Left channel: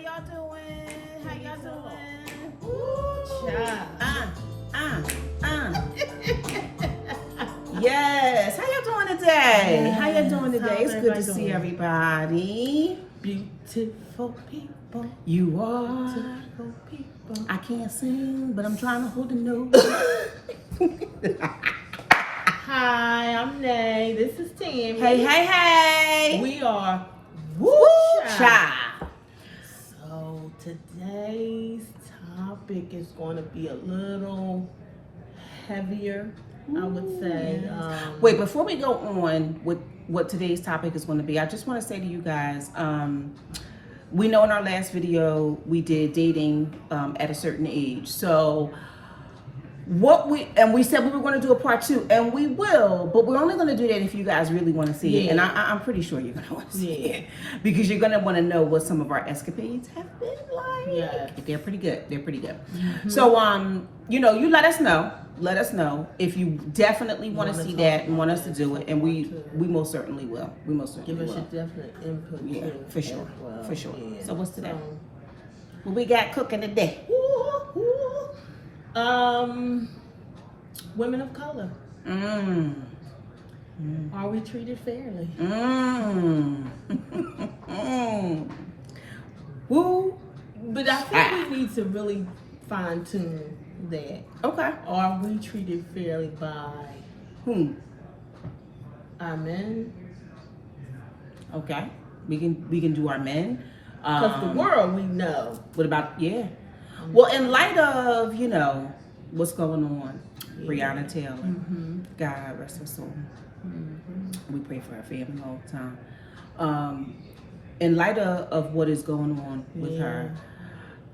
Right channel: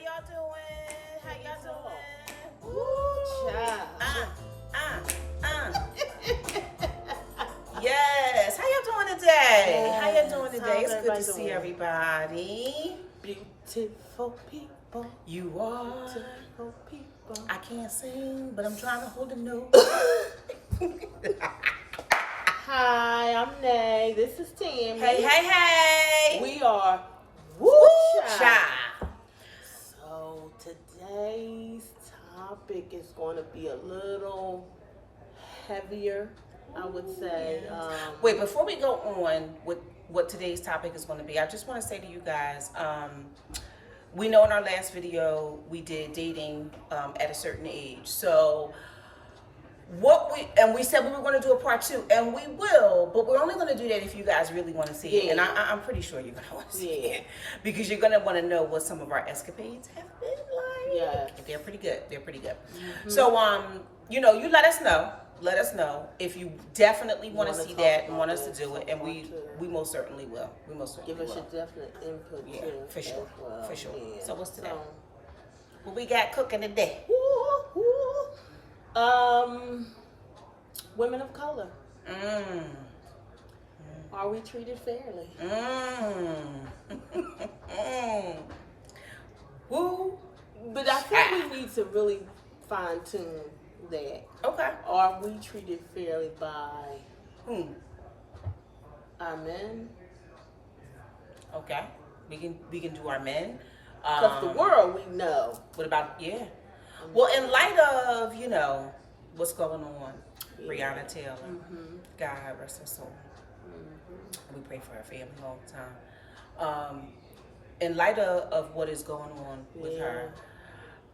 y'all doing? How y'all doing? Ooh, child. Yes. How y'all doing today? Yes. How y'all doing today? How's It's good to everybody see doing? everybody. Beautiful people. You are. Beautiful people. I can't sing, but I'm trying to hold a note. Hi, I'm Nay. This is Tammy. Hey. We are Woo child. So today's topic is going to be a little heavier, I would say. Yes. Wait, before we go on with what today's topic is going to be, I just want to say to you guys, we know in our last video we did dating at a certain age. So we said we were going to do a part 2, and we will, but we're only going to do that if you guys really want to see it. And I'm pretty sure you're going to want to see it, because you're going to want to know what some of our escapades have been like. Yes. They're pretty good. Mm-hmm. So you let us know. Let us know if you definitely want to see that and want us to do it, and we most certainly will. We most certainly Give us will. your definite input. Yeah, too, for sure. well. For sure. Yeah. So what's today? What we got cooking today? Women of color. Are we treated fairly? Woo. But I think we need to really fine tune that. Okay. Are we treated fairly by our men? Okay. We can do our men. Because the world we know. What about Well, in light of what's going on, Breonna Taylor, God rest her soul. We pray for her family all the time. In light of what is going on with her,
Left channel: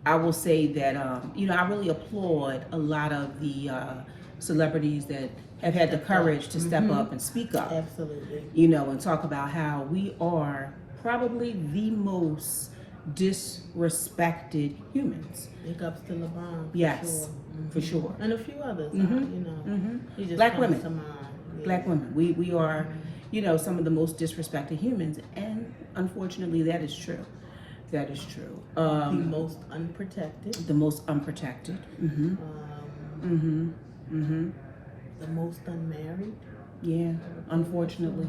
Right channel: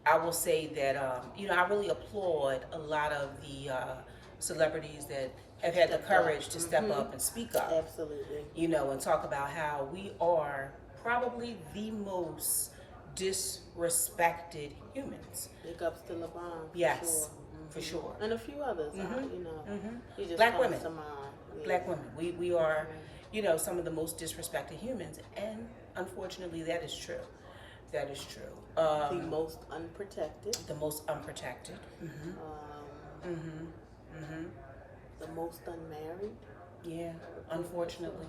I will say that I really applaud a lot of the celebrities that have had the courage to step up and speak up. Absolutely. And talk about how we are probably the most disrespected humans. Big ups to LeBron. Yes, for sure. And a few others. He just Black comes women. to mind. Yeah. Black women. We are, some of the most disrespected humans, and unfortunately, that is true. That is true. The most unprotected. The most unprotected. The most unmarried. Yeah, unfortunately.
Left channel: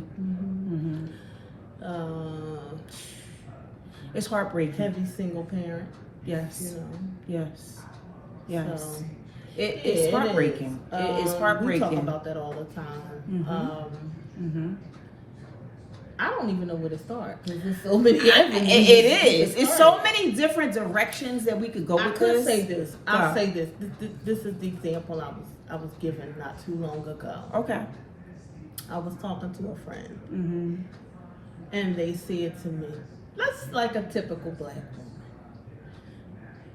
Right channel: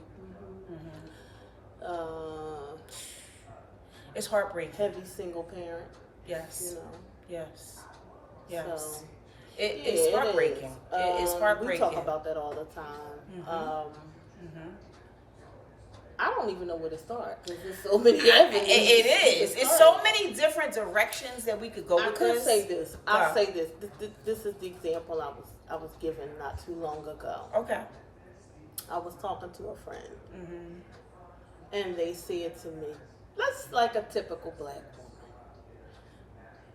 It's heartbreaking. Heavy single parent. Yes. Yes. So, it's heartbreaking. It's heartbreaking. We talk about that all the time. I don't even know where to start because there's so many avenues. It is. It's so many different directions that we could go with this. I'll say this. I'll say this. This is the example I was given not too long ago. Okay. I was talking to a friend, and they said to me, "That's like a typical black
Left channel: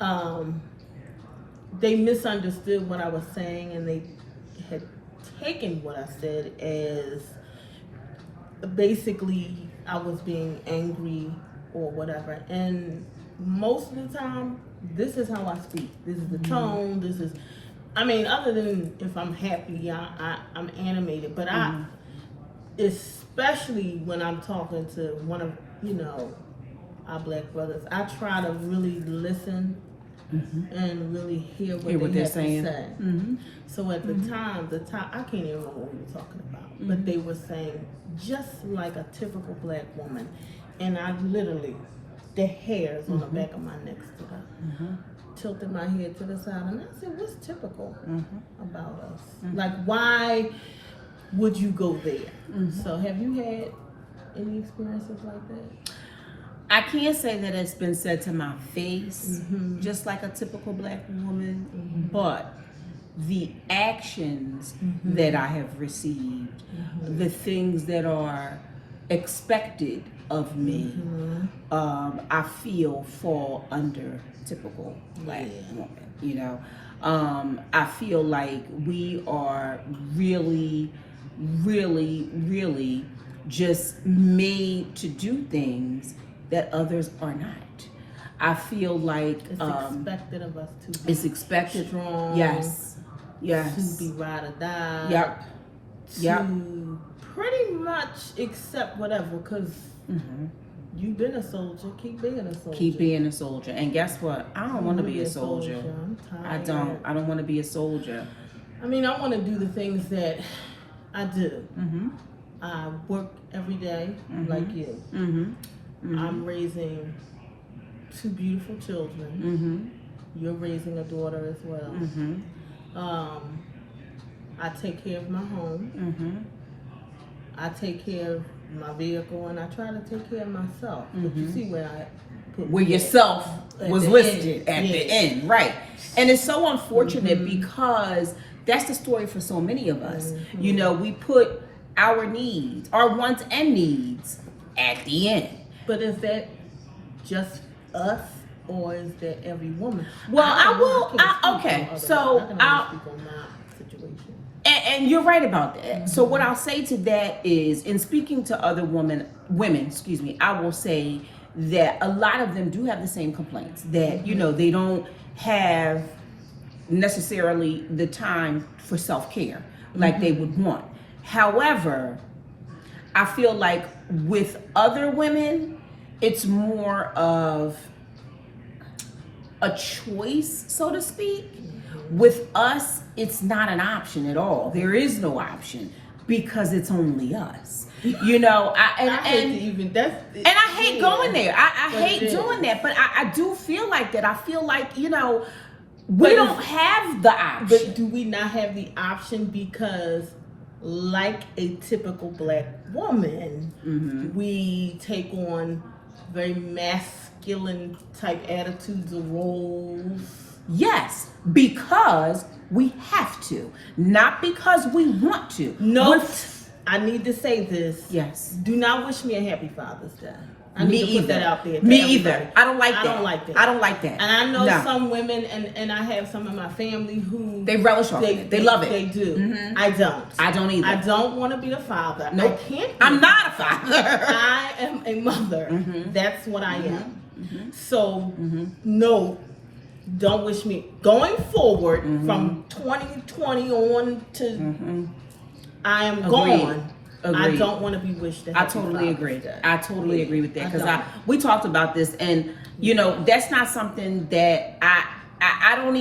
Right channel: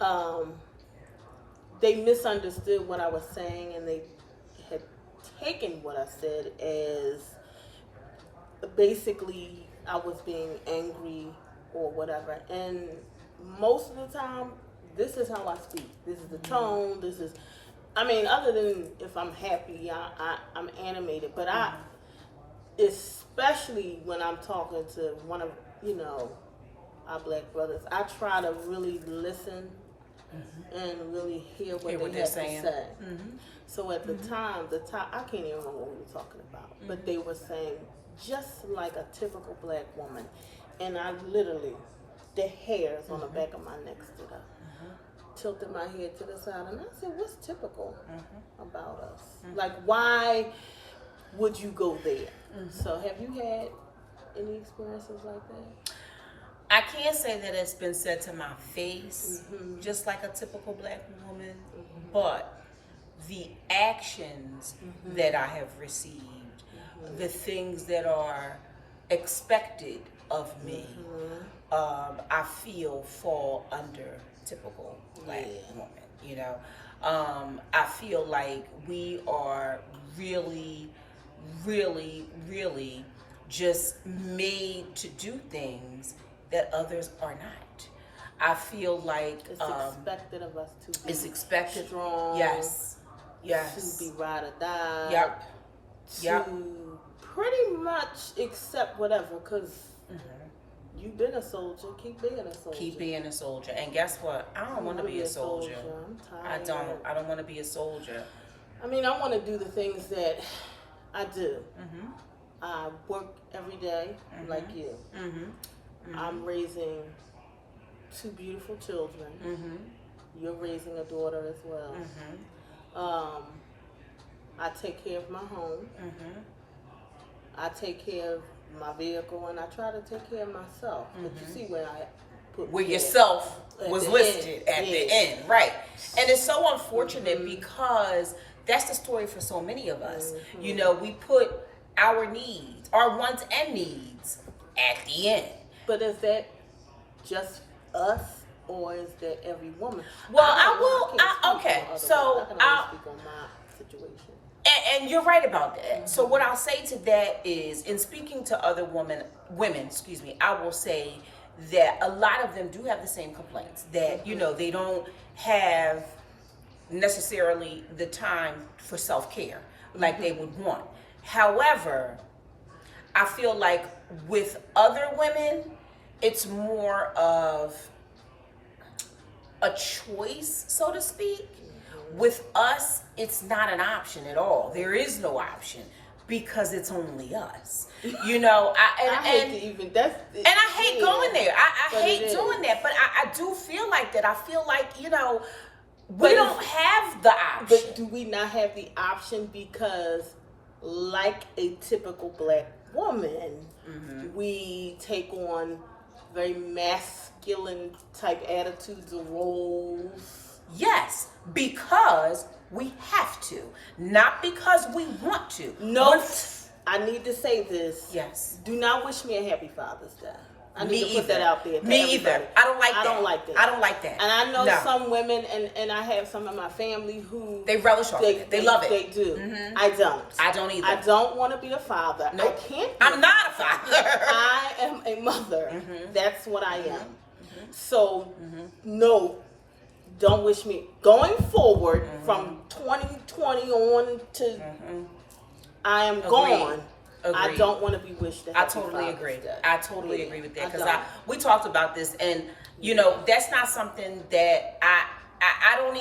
woman." They misunderstood what I was saying, and they had taken what I said as basically I was being angry or whatever. And most of the time, this is how I speak. This is the tone. This is, other than if I'm happy, I'm animated. But especially when I'm talking to one of our black brothers, I try to really listen and really hear what they have to say. So at the time, I can't even remember what we were talking about, but they were saying just like a typical black woman, and I literally, the hairs on the back of my neck stood up, tilted my head to the side, and I said, "What's typical about us? Like, why would you go there?" So have you had any experiences like that? I can't say that it's been said to my face, just like a typical black woman, but the actions that I have received, the things that are expected of me, I feel fall under typical black woman. I feel like we are really, really, really just made to do things that others are not. I feel like it's expected of us to be expected. Strong. Yes. To be ride or die. Yep. To pretty much accept whatever, because You've been a soldier. Keep being a soldier. Keep being a soldier. And guess what? I don't want to be a soldier. I'm I tired. I don't want to be a soldier. I mean, I want to do the things that I do. Mm-hmm. I work every day, like you. Mm-hmm. Mm-hmm. I'm raising 2 beautiful children. Mm-hmm. You're raising a daughter as well. Mm-hmm. I take care of my home. Mm-hmm. I take care of my vehicle, and I try to take care of myself. But you see where I put where yourself was listed at the Yes. end, right? And it's so unfortunate because that's the story for so many of us. You know, we put our needs, our wants and needs at the end. But is that just us, or is that every woman? Well, okay, so I can only speak on my situation. And you're right about that. So what I'll say to that is, in speaking to other women, I will say that a lot of them do have the same complaints, that you know, they don't have necessarily the time for self-care like they would want. However, I feel like with other women, it's more of a choice, so to speak. With us, it's not an option at all. There is no option because it's only us. You know, I hate going there. I hate doing that, but I do feel like that. I feel like, you know, we don't have the option. But do we not have the option because, like a typical black woman, we take on very masculine type attitudes or roles? Yes, because we have to, not because we want to. No, I need to say this. Yes. Do not wish me a happy Father's Day. I Me need to put either. that out there. Me either. I don't like that. I don't like that. I don't like that. And I know No. some women, and I have some in my family who They relish off of it. They love it. They do. I don't. I don't either. I don't want to be a father. Nope. I can't. Be I'm not a father. I am a mother. That's what I am. So no. Don't wish me going forward from 2020 on to I am gone. Agreed. I don't want to be wished. I totally agree. I totally agree with that because we talked about this, and you know, that's not something that I don't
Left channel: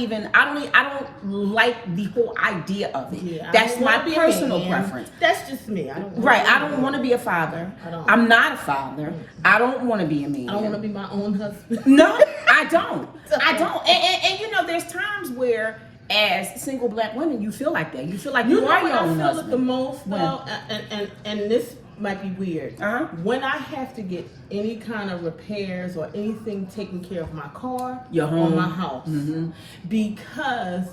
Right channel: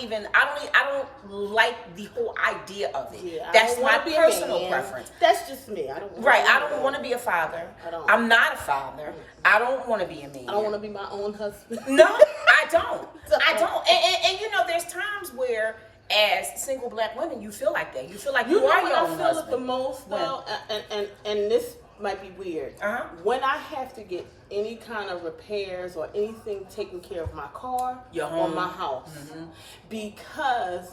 like the whole idea of it. Yeah, that's my personal preference. That's just me. I don't. I don't want to be a father. I'm not a father. I don't want to be a man. I don't want to be my own husband. No, I don't. I don't. And you know, there's times where, as single black women, you feel like that. You feel like you are your own husband. I feel it the most, though, and this might be weird. When I have to get any kind of repairs or anything taken care of my car or my house, because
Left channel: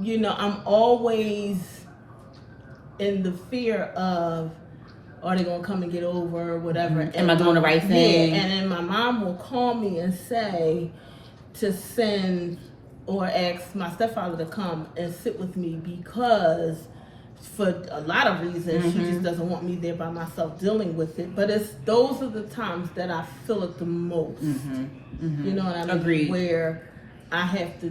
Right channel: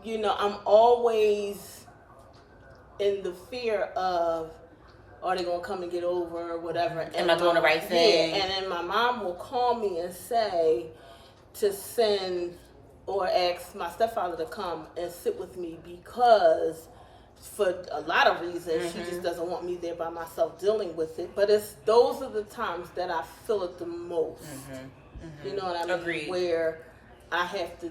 you know I'm always in the fear of, are they gonna come and get over or whatever? Am I doing the right thing? Yeah, and then my mom will call me and say to send or ask my stepfather to come and sit with me because for a lot of reasons she just doesn't want me there by myself dealing with it. But those are the times that I feel it the most. You know what I mean? Agreed. Where I have to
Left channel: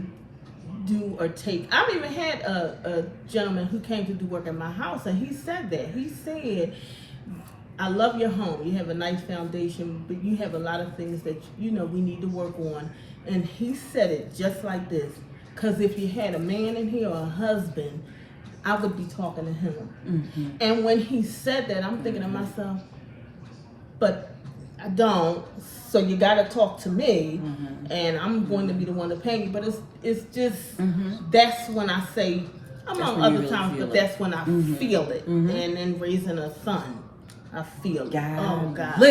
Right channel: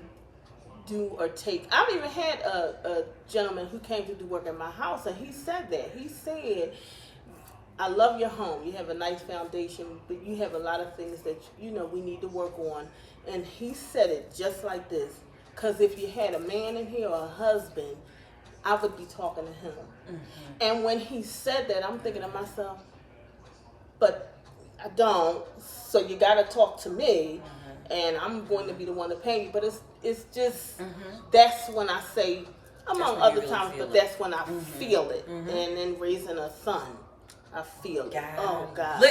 do or take. I've even had a gentleman who came to do work at my house, and he said that. He said, I love your home. You have a nice foundation, but you have a lot of things that, you know, we need to work on. And he said it just like this. Because if you had a man in here or a husband, I would be talking to him. And when he said that, I'm thinking to myself, but I don't. So you got to talk to me, and I'm going to be the one to pay you. But it's just, that's when I say, among other times, but that's when I feel it. And then raising a son, I feel it. Oh, God.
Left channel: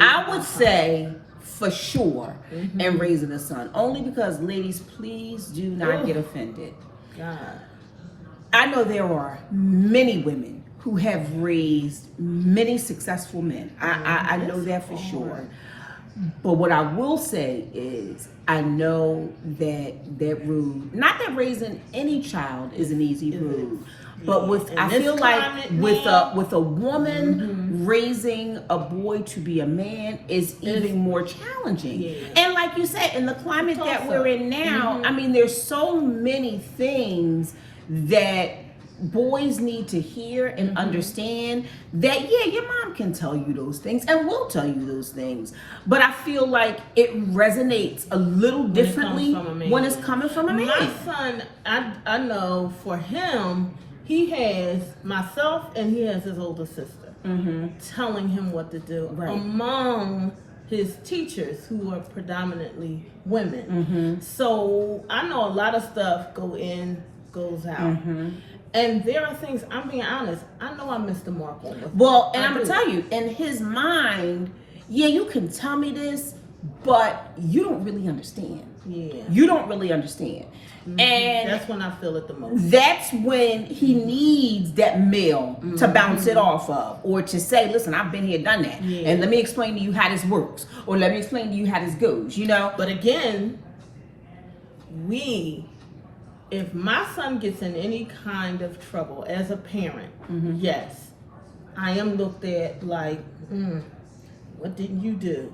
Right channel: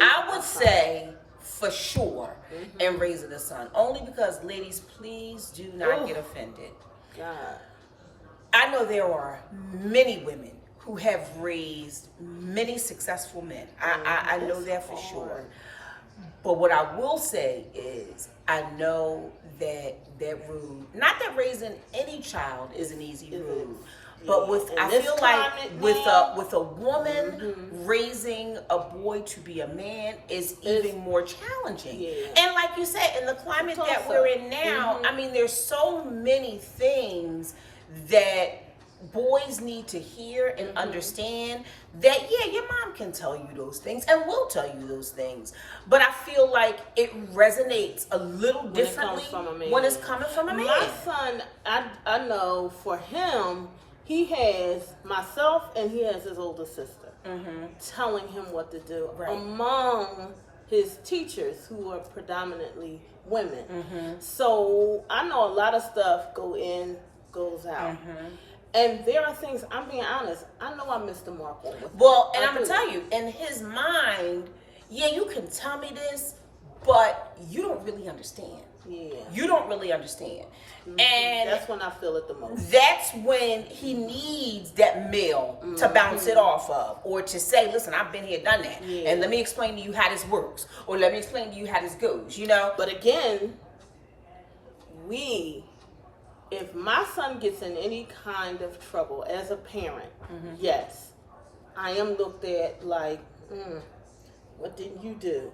I would say for sure, and raising a son. Only because, ladies, please do not get offended. God. I know there are many women who have raised many successful men. I know that for sure. But what I will say is, I know that not that raising any child is an easy road, but I feel like with a woman raising a boy to be a man is even more challenging. Yeah. And like you said, in the climate that we're in now, I mean, there's so many things that boys need to hear and understand that, yeah, your mom can tell you those things and will tell you those things. But I feel like it resonates a little differently when it's coming from a man. My son, I know for him, he has myself and he has his older sister telling him what to do. Right. Among his teachers, who are predominantly women. So I know a lot of stuff goes out. And there are things, I'm being honest, I know I missed the mark on it. Well, and I'm going to tell you, in his mind, yeah, you can tell me this, but you don't really understand. Yeah. You don't really understand. And that's when I feel it the most. That's when he needs that male to bounce it off of, or to say, listen, I've been here, done that. Yeah. And let me explain to you how this works, or let me explain to you how this goes, you know? But again, if my son gets in any kind of trouble as a parent, yes, I am looked at like, what didn't you do?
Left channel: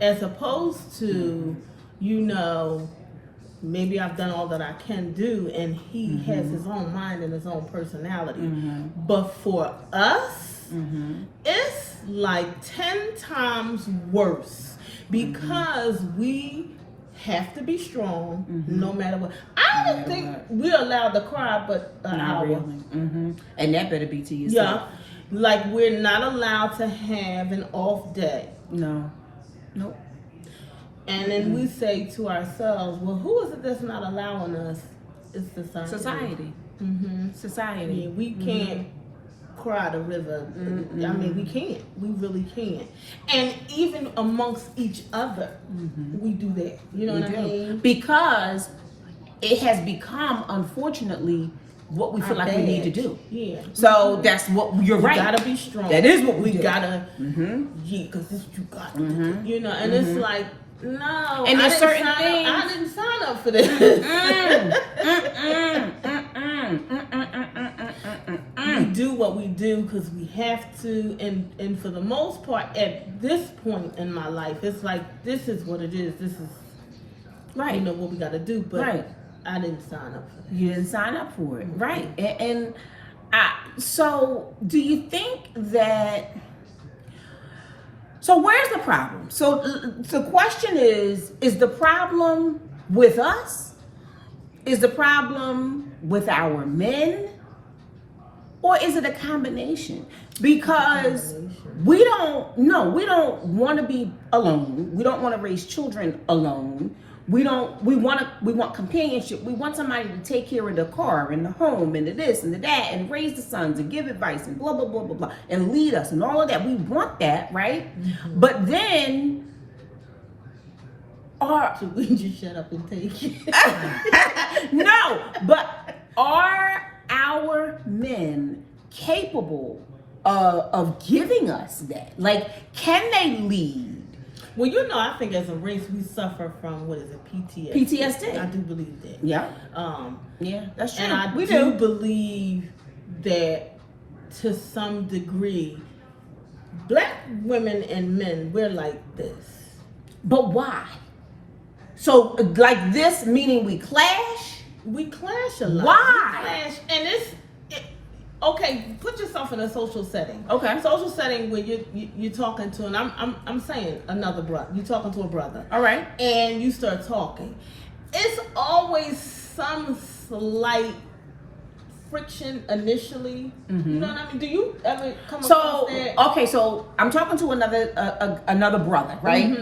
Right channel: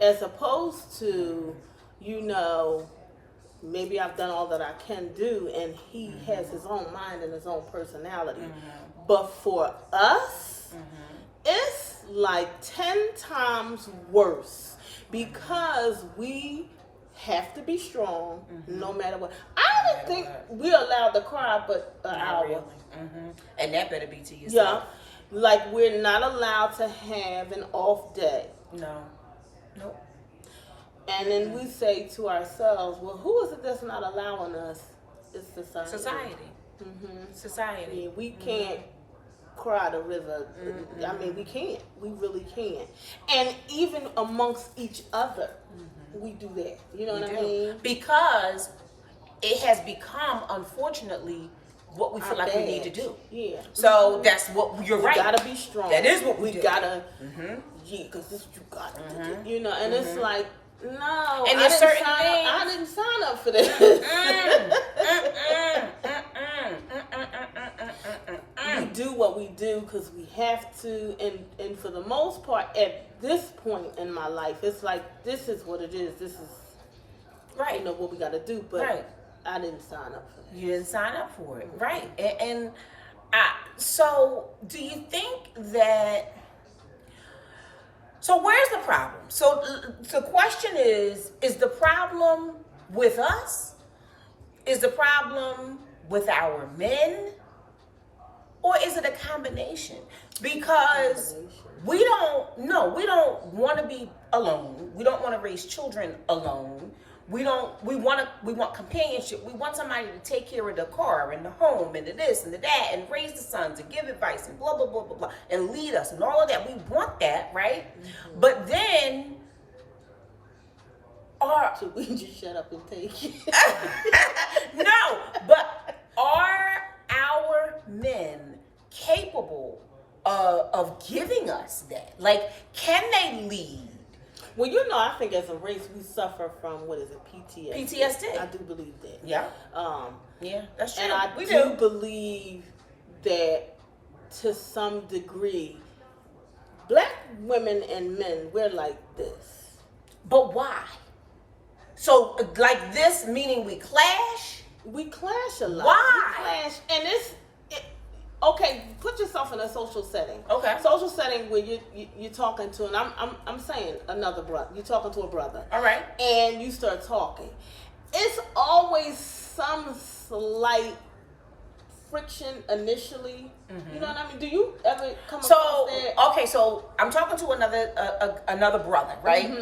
As opposed to, maybe I've done all that I can do, and he has his own mind and his own personality. But for us, it's like 10 times worse because we have to be strong no matter what. I don't think we're allowed to cry but an hour. Really. And that better be to yourself. Yeah. Like, we're not allowed to have an off day. No. Nope. And then we say to ourselves, well, who is it that's not allowing us? It's society. Society. Yeah, we can't cry the river. I mean, we can't. We really can't. And even amongst each other, we do that. You know what I mean? Because it has become, unfortunately, what we feel like we need to do. Yeah. So that's what you're right. We gotta be strong. That is what we do. Gotta. Yeah, because this you got to do. You know, and it's like, no. And there's certain things. I didn't sign up for this. We do what we do because we have to, and for the most part, at this point in my life, it's like, this is what it is. This is right. What we got to do. But I didn't sign up for it. You didn't sign up for it, right? And so, do you think that? So where's the problem? So the question is the problem with us? Is the problem with our men? Or is it a combination? Because we don't want to be alone. We don't want to raise children alone. We want companionship. We want somebody to take care of the car and the home and the this and the that and raise the sons and give advice and blah, blah, blah, blah, blah, and lead us and all of that. We want that, right? But then so we just shut up and take it. No, but are our men capable of giving us that? Like, can they lead? Well, I think as a race we suffer from, what is it, PTSD? PTSD. I do believe that. Yeah. Yeah, that's true. And I do believe that to some degree, black women and men, we're like this. But why? So, like this, meaning we clash? We clash a lot. Why? We clash, and okay, put yourself in a social setting. Okay. Social setting where you're talking to, and I'm saying another brother. You're talking to a brother. All right. And you start talking. It's always some slight friction initially. You know what I mean? Do you ever come across that? Okay, so I'm talking to another brother, right?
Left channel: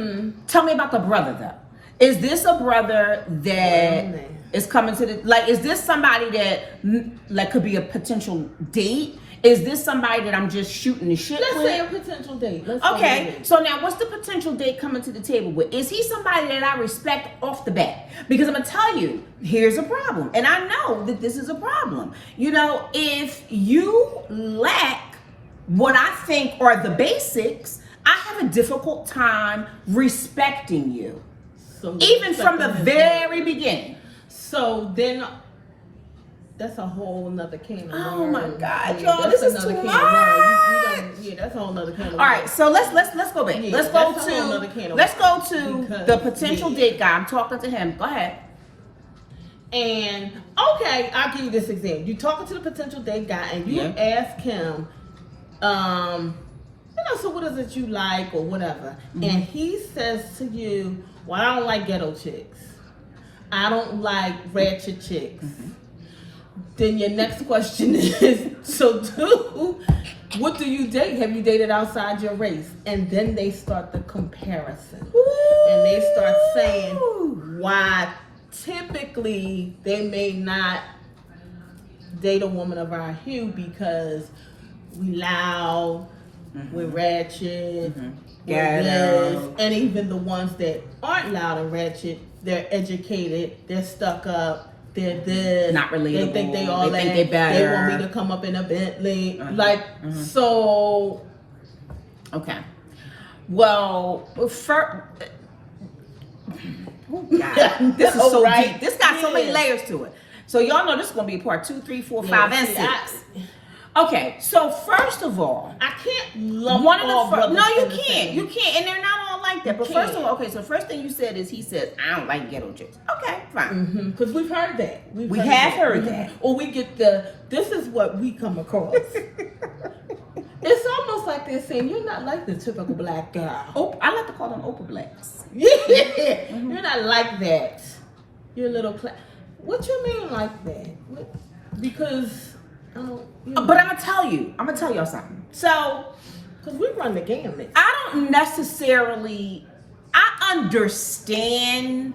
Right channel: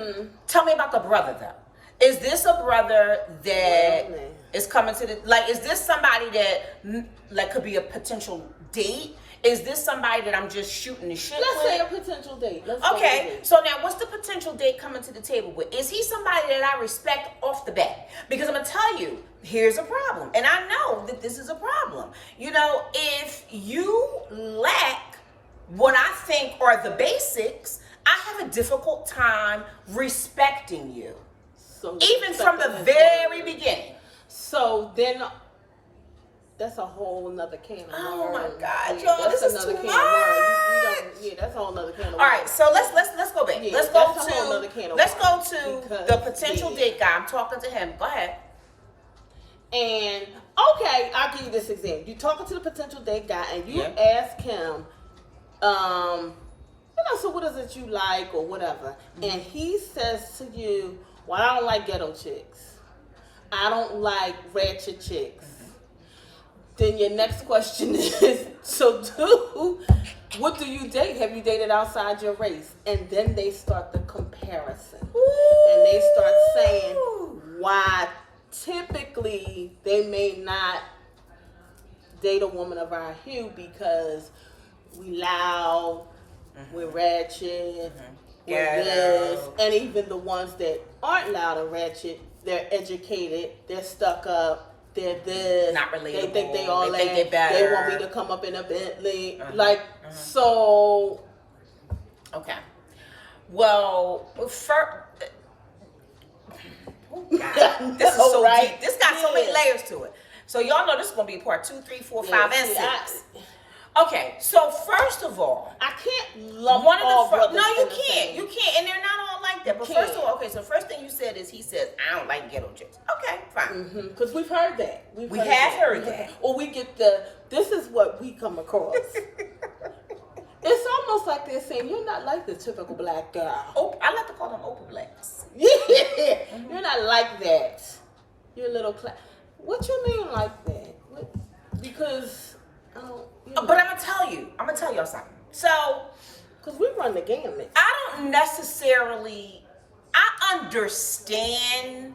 Tell me about the brother though. Is this a brother that is coming to is this somebody that could be a potential date? Is this somebody that I'm just shooting the shit with? Let's say a potential date. Okay, so now what's the potential date coming to the table with? Is he somebody that I respect off the bat? Because I'm going to tell you, here's a problem. And I know that this is a problem. If you lack what I think are the basics, I have a difficult time respecting you. So even from the very beginning. So then that's a whole nother can of worms. Oh my God, y'all, this is too much. That's a whole nother can of worms. All right, so let's go back. Let's go to the potential date guy. I'm talking to him. Go ahead. And okay, I'll give you this example. You talking to the potential date guy, and you ask him, so what is it you like or whatever, and he says to you, "Well, I don't like ghetto chicks. I don't like ratchet chicks." Then your next question is, what do you date? Have you dated outside your race? And then they start the comparison. And they start saying why typically they may not date a woman of our hue because we loud, we're ratchet, we're this. And even the ones that aren't loud and ratchet, they're educated, they're stuck up. They're this. Not relatable. They think they all They think they better. They want me to come up in a Bentley. So. Okay. Well, first. Oh God, this is so deep. This got so many layers to it. So y'all know this is gonna be part 2, 3, 4, 5, and 6. Okay, so first of all, I can't lump one of all the brothers. no, you in the can't. same. You can't, and they're not all like that. But first of all, okay, so first thing you said is he says I don't like ghetto chicks. Okay, fine. Because we've heard that. We have heard that. Or we get this is what we come across. It's almost like they're saying you're not like the typical black guy. Oh, I like to call them Oprah blacks. Yeah, you're not like that. You're a little. What you mean like that? What? Because. But I'm gonna tell y'all something. So, because we run the gamut. I don't necessarily. I understand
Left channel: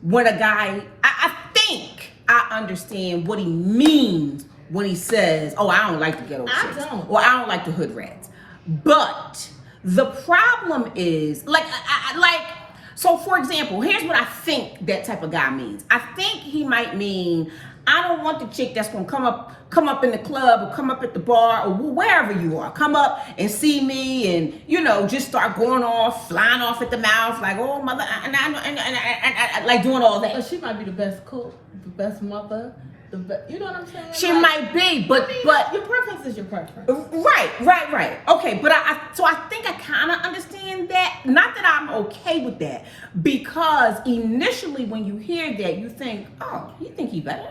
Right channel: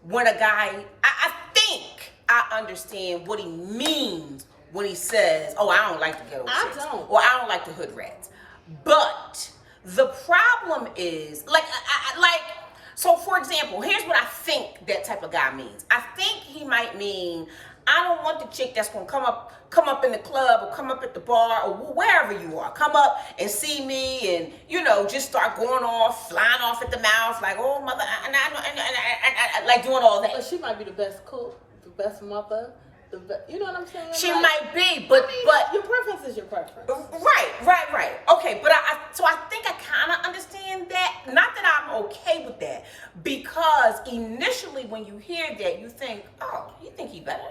when a guy. I think I understand what he means when he says, "Oh, I don't like the ghetto chicks," or "I don't like the hood rats." But the problem is, so for example, here's what I think that type of guy means. I think he might mean, I don't want the chick that's gonna come up in the club or come up at the bar or wherever you are, come up and see me and just start going off, flying off at the mouth like, oh mother, and like doing all that. But she might be the best cook, the best mother. You know what I'm saying? She might be, but your preference is your preference. Right. Okay, but I think I kind of understand that. Not that I'm okay with that, because initially when you hear that, you think, oh, you think he better?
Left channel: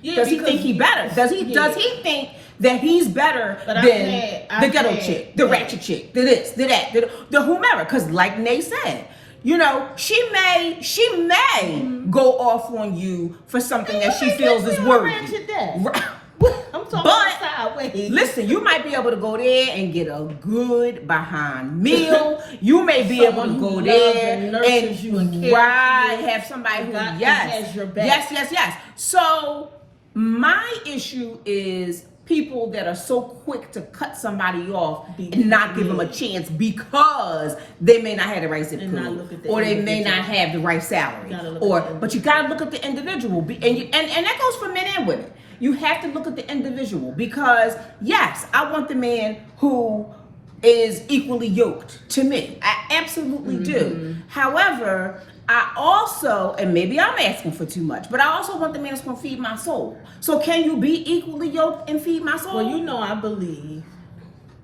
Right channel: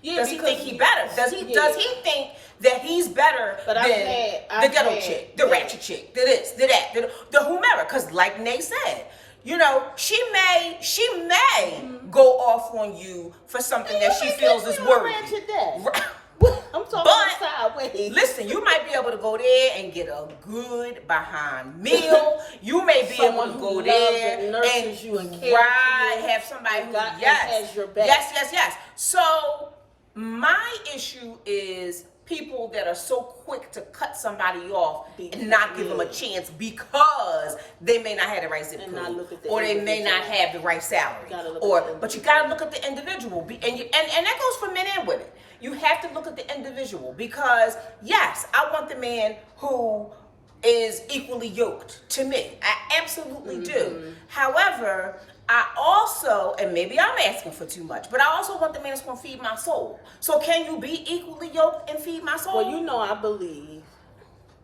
Yeah, does he think he better? Does he think that he's better than the ghetto chick, the ratchet chick, the this, the that, the whomever? Because like Nay said, she may go off on you for something that she feels is worthy. I'm talking sideways. Listen, you might be able to go there and get a good behind meal. You may be able to go there and have somebody who has your back. Yes. So my issue is people that are so quick to cut somebody off and not give them a chance because they may not have the right zip code, or they may not have the right salary, but you got to look at the individual, and that goes for men and women. You have to look at the individual, because yes, I want the man who is equally yoked to me. I absolutely do. However, I also, and maybe I'm asking for too much, but I also want the man that's going to feed my soul. So can you be equally yoked and feed my soul? Well, I believe,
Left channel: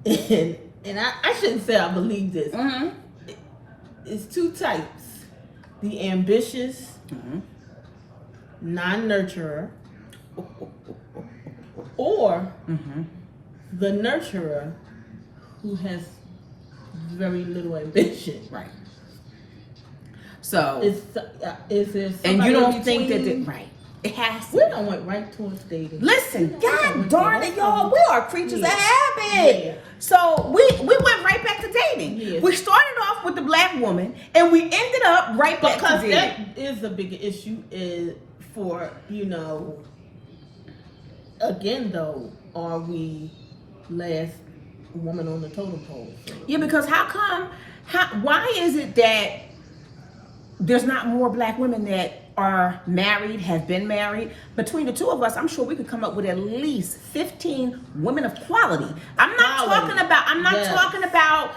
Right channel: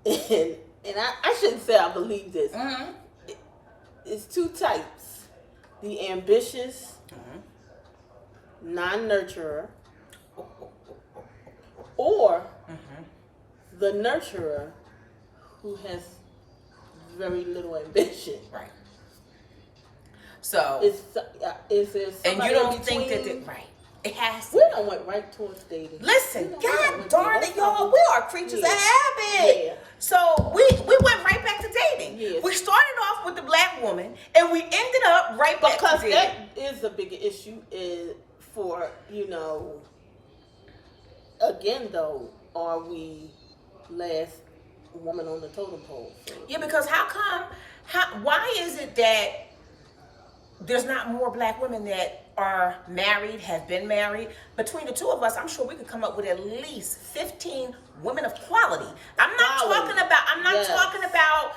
and I shouldn't say I believe this. It's two types: the ambitious, non-nurturer, or the nurturer who has very little ambition. Right. So, is there and you don't think that right? It has to. We done went right towards dating. Listen, God darn it, y'all, we are creatures of habit. Yeah. So we went right back to dating. Yes. We started off with the black woman, and we ended up right back to dating. That is a big issue. For again though, are we last woman on the totem pole? Yeah, because why is it that there's not more black women that are married, have been married? Between the two of us, I'm sure we could come up with at least 15 women of quality. I'm not talking about,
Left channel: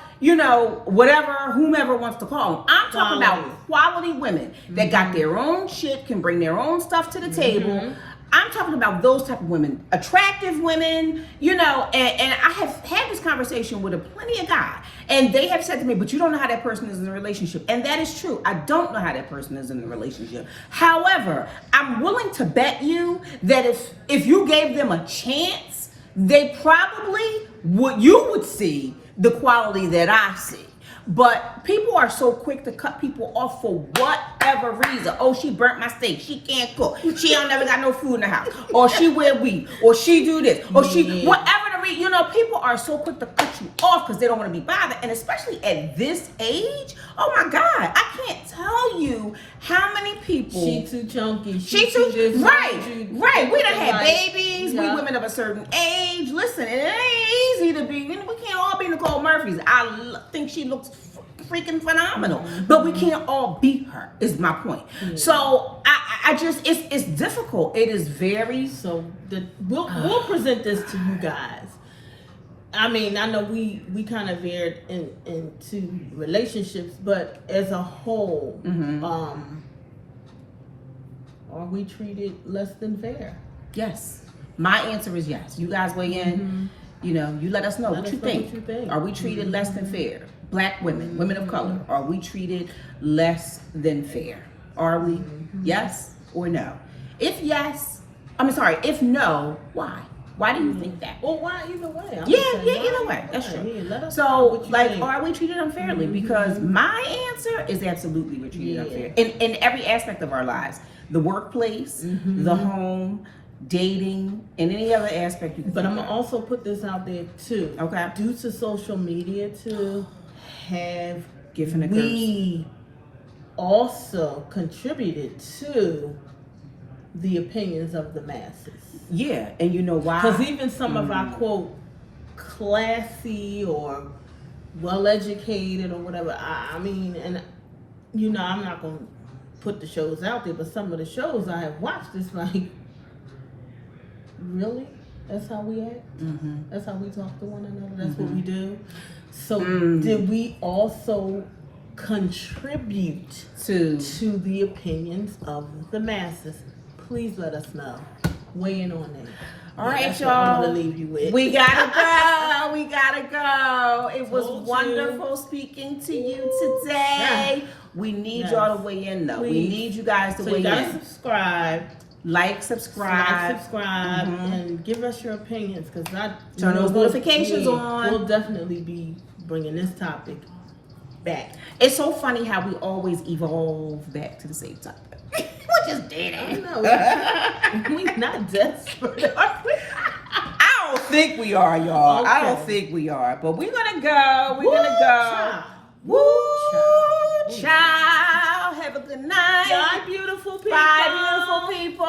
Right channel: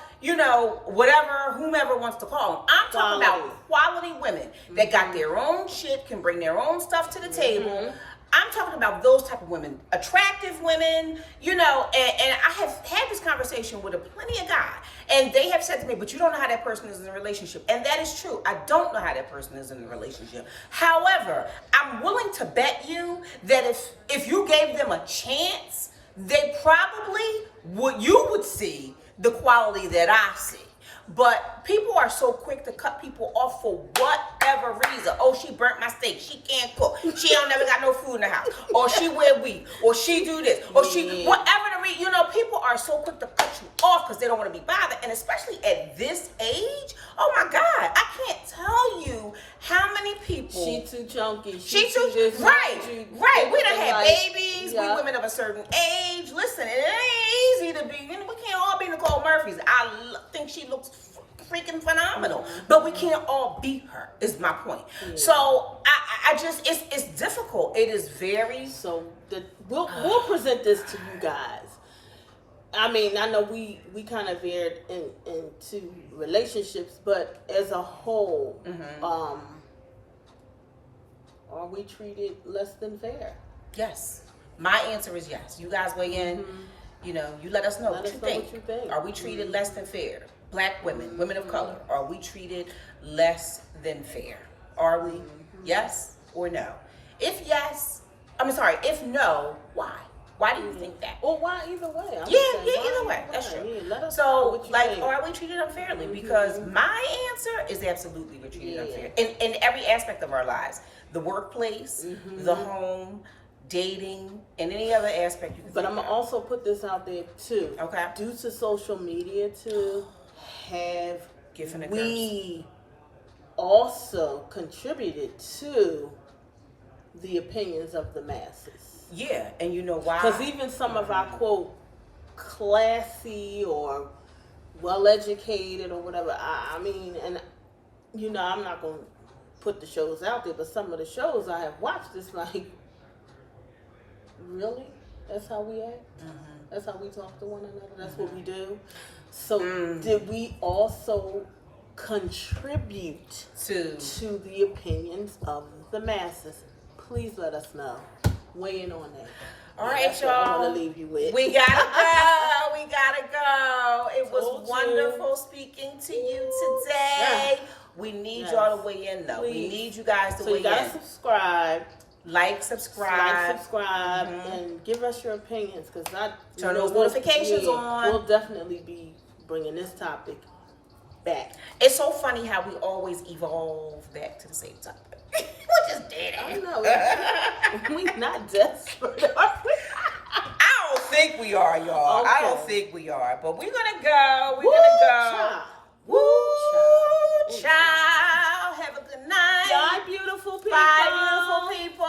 whatever, whomever wants to call them. I'm talking about quality women that got their own shit, can bring their own stuff to the table. I'm talking about those type of women, attractive women, you know, and I have had this conversation with plenty of guys, and they have said to me, but you don't know how that person is in a relationship. And that is true. I don't know how that person is in a relationship. However, I'm willing to bet you that if you gave them a chance, they probably would see the quality that I see. But people are so quick to cut people off for whatever reason. Oh, she burnt my steak. She can't cook. She don't never got no food in the house. Or she wear weed. Or she do this. Or she, whatever the reason. You know, people are so quick to cut you off because they don't want to be bothered. And especially at this age, oh my God, I can't tell you how many people. She too chunky. She too, this, right. We done had babies. Yeah. We women of a certain age. Listen, it ain't easy to be, you know, we can't all be Nicole Murphy's. I think she looks freaking phenomenal, but we can't all beat her, is my point. So I just, it's difficult. It is very. So we'll present this to you guys. I mean, I know we kind of veered into relationships, but as a whole, are we treated less than fair? Yes. My answer is yes. You guys weigh in. You know, you let us know what you think. Are we treated less than fair? Black women, women of color, are we treated less than fair? Are we? Yes or no? If yes, if no, why? Why do you think that? Or why either way? Either way. That's true. So, like, are we treated unfairly? Because my answer is absolutely we're treated unfair. In every aspect of our lives. The workplace, the home, dating, and any other aspect you can But think I'm going to also put this out there, too. Okay. Due to social media, too, Giving we also contributed to the opinions of the masses. Yeah, and you know why? Because even some of our, quote, classy or well-educated or whatever, I mean, and, you know, I'm not going to put the shows out there, but some of the shows I have watched, it's like, really? That's how we act? That's how we talk to one another? That's what we do? So did we also contribute to the opinions of the masses? Please let us know. Weigh in on that. All right, that's what I'm y'all. gonna leave you with. We gotta go. We gotta go. It was wonderful speaking to you today. We need y'all to weigh in, though. Please. We need you guys to weigh in. You gotta subscribe. Like, subscribe, and give us your opinions, because turn those notifications on. We'll definitely be bringing this topic back. It's so funny how we always evolve back to the same topic. We just did it. We're not desperate, are we? I don't think we are, y'all. Okay. I don't think we are, but we're gonna go. We're gonna go. Child. Woo, child. Have a good night. Bye, beautiful people. Bye, beautiful people.